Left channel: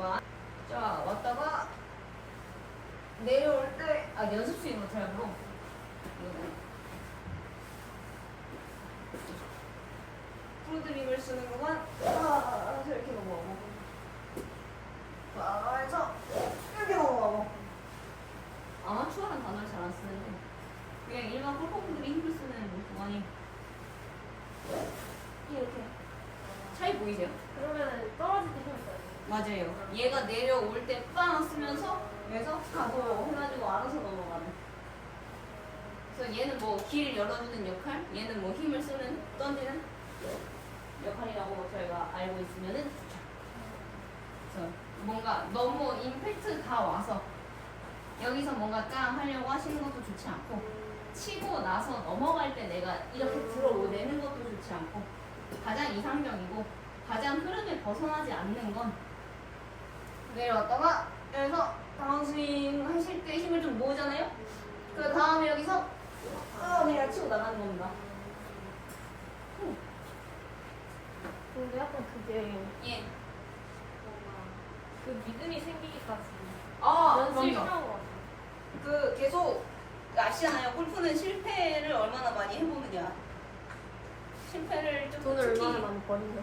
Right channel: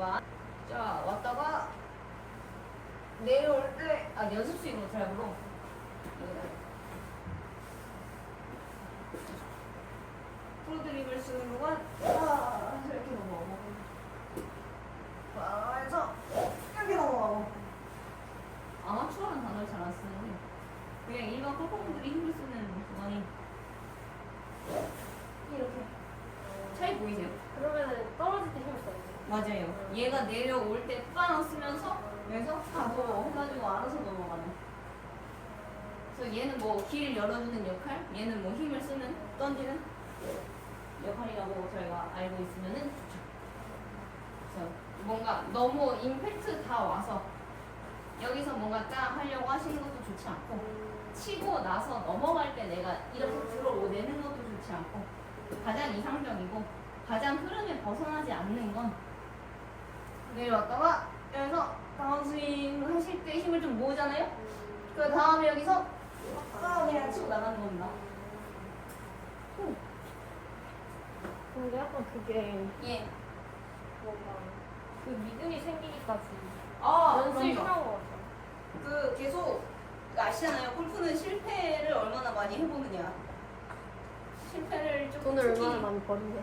구간. 자, 왔다가 내려올 때, 아, 연습 스윙으로 드라이브로. 프로드립을 쓰는 구간. 아, 이렇게 넘어가고. 바라에서 이렇게 넘어가고. 아마추어는 단어를 잘 안 쓰는데, 그냥 일반 골퍼분들이 힘을 쓰는 구간이 이렇게. 차이 보이세요? 그러면은 써요. 맞아요. 얘가 내려올 때 빵 쓰면서 여기서 가고 해가지고 알아서 넘어가는. 그래서 얘는 뭐 길 열어주는 역할, 얘는 뭐 힘을 쓰는 던지는 역할이라고 저희가 알고 있으면은. 그래서 뭔가 너무 임팩트 다 와서 여기서 뭔가 딱 하려고 하시는 것도 좋지 않고 치고 나서 넘어갈 때 내가 이렇게 들어내는 것도 좋지 않고 가장 이상적이고 가장 흐름에 벗어나지 않는 건 내려왔다가 여기서 다운스윙 하실 때 힘을 좀 모으잖아요? 그 다음에 여기서 아 그냥 치고 나가는 겁니다. 후. 근데 약간 그게 예. 그 믿음이 생기기까지 아 연습이 그럼요. 필요한 것 같아요. 그 계속 아시잖아요. 골프는 실패를 얼마나 많이 해보느냐. 실패를 좀 돈을 특히 얼마나 많이 버는데.